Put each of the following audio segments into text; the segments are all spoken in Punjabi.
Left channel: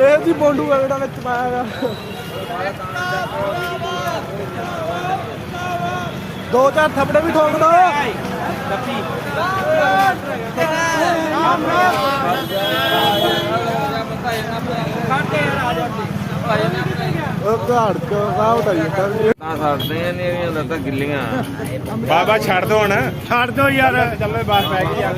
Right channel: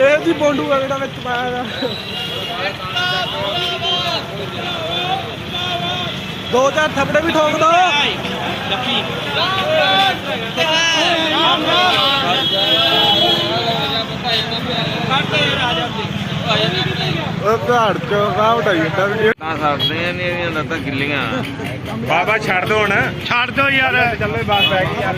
ਇਹ ਜੀ ਬੋਂਡੂ ਆ ਜਿਹੜਾ ਵਿੱਚ ਪਾਇਆ ਦਾ ਦੋ ਚਾਰ ਥੱਪੜੇ ਵੀ ਠੋਕ ਦੋ। ਲੱਕੀ ਉਹ ਘਾੜ ਚੋਂ ਰਾਹ ਉਡਾਈ ਜਾਂਦਾ ਵੀਡੀਓ ਤਾਂ ਸਾਡੇ ਨੇ ਇਹਦੀਆਂ ਲੱਤਾਂ ਗਿੱਲੀਆਂ। ਬਾਬਾ ਛੱਡ ਦੋ ਹੁਣ। ਛੱਡ ਦੋ ਯਾਰ। ਚੱਲੇ ਬਾਤ ਪੈ ਗਈ ਯਾਰ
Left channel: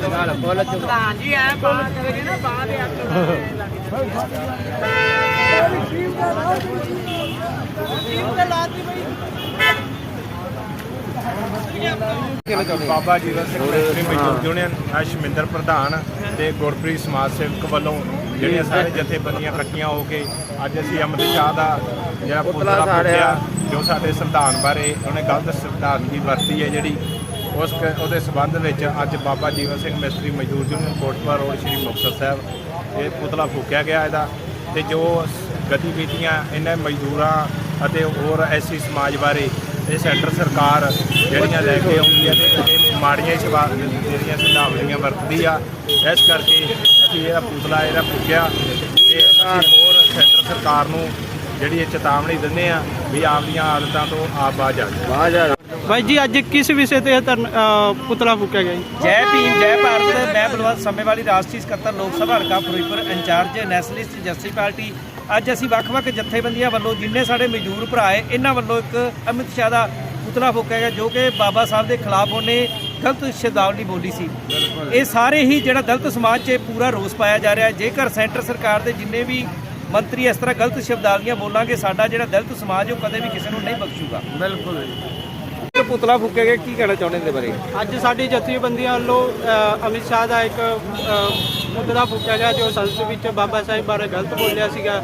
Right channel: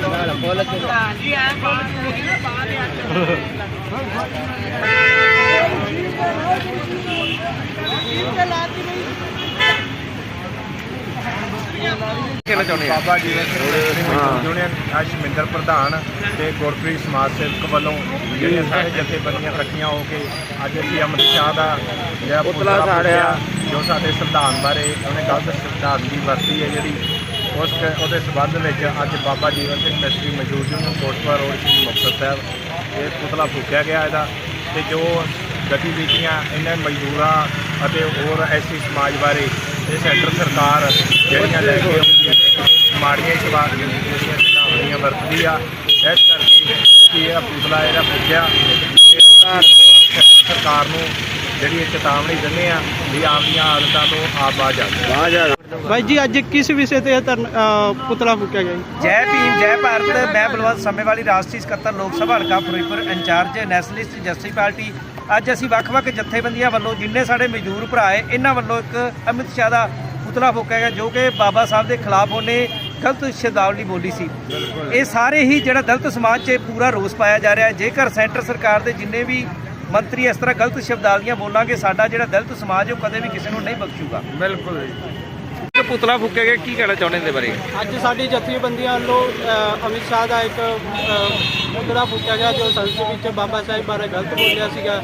ਕਿਹੜਾ ਚਾਹੁੰਦੇ ਆ ਬਾਬਾ ਅਸ਼ਮਿੰਦਰ ਪ੍ਰਧਾਨ ਤੇ ਗੁਰਪ੍ਰੀਤ ਸਮਾਜ ਸੇਵਕ ਵੱਲੋਂ ਜਿਹੜੀਆਂ ਸਾਰੇ ਜਥੇਬੰਦੀਆਂ ਇਕੱਠੀਆਂ ਹੋ ਕੇ ਅੱਜ ਅਸੀਂ ਅੰਮ੍ਰਿਤ ਸ਼ਾਹ ਦਾ ਜਿਹੜਾ ਪੁਤਲਾ ਫੂਕਿਆ, ਜੋ ਸਾਡੇ ਸੰਵਿਧਾਨ ਬਾਰੇ ਉਹਨੇ ਗਲਤ ਸੰਵਿਧਾਨ ਦੀ ਵਰਤੀ ਹੈ ਜਿਹੜੀ, ਉਸ ਕ- ਉਹਦੇ ਸਬੰਧ ਵਿੱਚ ਅੱਜ ਬਾਬਾ ਜੀਵਨ ਸਿੰਘ ਮਿਸਤਰੀ ਮੌਜੂਦ ਯੂਨੀਅਨ ਕੋਟਪੁਰਾ ਰੋਡ ਸ਼੍ਰੀ ਮੁਕਤਸਰ ਸਾਹਿਬ, ਇਹ ਪੁਤਲਾ ਫੂਕਿਆ ਗਿਆ ਇਹਦਾ ਤੇ ਜੋ ਗਤੀਵਿਧੀਆਂ ਇਹਨਾਂ ਮਜ਼ਦੂਰਾਂ ਅਤੇ ਹੋਰ ਐਸੀ ਸਮਾਜ ਬਾਰੇ ਇਹ ਸੈਂਟਰ ਸਰਕਾਰ ਜਿਹੜੀਆਂ ਲੈ ਕੇ ਆਉਂਦੀ ਹੈ ਮਾੜੀਆਂ ਸਵਾਲ ਜਿਹੜੀਆਂ ਚੇਤਾਵਨੀਆਂ ਵਰਤਦੀ ਆ। ਇਸ ਕਰਕੇ ਅਸੀਂ ਇਹ ਪੁਤਲਾ ਇਹਦਾ ਫੂਕਿਆ ਤੇ ਅਸੀਂ ਹੋਰ ਸੈਂਟਰ ਸਰਕਾਰ ਨੂੰ ਜਿਹੜੀ ਇਹ ਚੇਤਾਵਨੀ ਦਿੰਦੇ ਆ ਵੀ ਆਪਦੀਆਂ ਆਦਤਾਂ ਤੋਂ ਆਪ ਬਾਜ ਆ ਜਾਓ। ਬਾਈ ਜੀ ਅੱਜ ਕਿਸ ਵਿਸ਼ੇ ਤੇ ਇਹ ਧਰਨ- ਪੁਤਲਾ ਫੂਕਿਆ ਗਿਆ ਜੀ? ਜੈ ਭੀਮ ਜੈ ਭਾਰਤ ਮੈਂ ਬਲਵੰਤ ਸਮੇਵਾਲੀ ਰਾਸ਼ਟਰੀ ਸਕੱਤਰ ਲੋਕ ਸਭਾ ਹਲਕਾ Firozpur incharge nationalist justice party. ਅੱਜ ਅਸੀਂ ਵੱਖ-ਵੱਖ ਜਥੇਬੰਦੀਆਂ ਵੱਲੋਂ ਜਿੰਨੇ ਸਾਡੇ ਮਜ਼ਦੂਰ ਭਰਾ ਹੈ ਇਹਨਾਂ ਵੱਲੋਂ ਇੱਕ ਅਮਿਤ ਸ਼ਾਹ ਦਾ ਪੁਤਲਾ ਫੂਕਿਆ ਗਿਆ ਜੋ ਕਿ ਬਾਬਾ ਸਾਹਿਬ ਦੇ ਖਿਲਾਫ ਉਹਨੇ ਗਲਤ ਸ਼ਬਦਾਵਲੀ ਬੋਲੀ ਸੀ। ਇਹ ਸਾਰੇ ਹੀ ਜਿਹੜਾ ਦਲਿਤ ਸਮਾਜ 'ਚ ਪੂਰਾ ਰੋਸ ਪਾਇਆ ਜਾ ਰਿਹਾ। ਹੈ ਜੇਕਰ ਸੈਂਟਰ ਸਰਕਾਰ ਦੇ ਜਿੰਨੇ ਵੀ ਮੰਤਰੀ ਇਸ ਤਰ੍ਹਾਂ ਗਲਤ ਸ਼ਬਦਾਵਲੀਆਂ ਬੋਲਾਂਗੇ ਸਾਡਾ ਜਿਹੜਾ ਦਲਿਤ ਸਮਾਜ ਉਹ ਕਦੇ ਵੀ ਕਿਸੇ ਨੂੰ ਨਹੀਂ ਬਖਸ਼ੂਗਾ। ਬਿਲਕੁਲ ਪੁਤਲਾ ਫੂਕਿਆ ਗਿਆ ਕੀ ਕਹਿਣਾ ਚਾਹੁੰਦੇ ਇਹਦੇ ਬਾਰੇ? ਅੱਜ ਸਾਡੀ ਜਥੇਬੰਦੀਆਂ ਵੱਲੋਂ ਅਮਿਤ ਸ਼ਾਹ ਦਾ ਇੱਕ ਪੁਤਲਾ ਫੂਕਿਆ ਗਿਆ ਜੋ ਸੰਸਦ ਵਿੱਚ ਬਾਬਾ ਸਾਹਿਬ ਬਾਰੇ ਗਲਤ ਬੋਲਿਆ ਸੀਗਾ।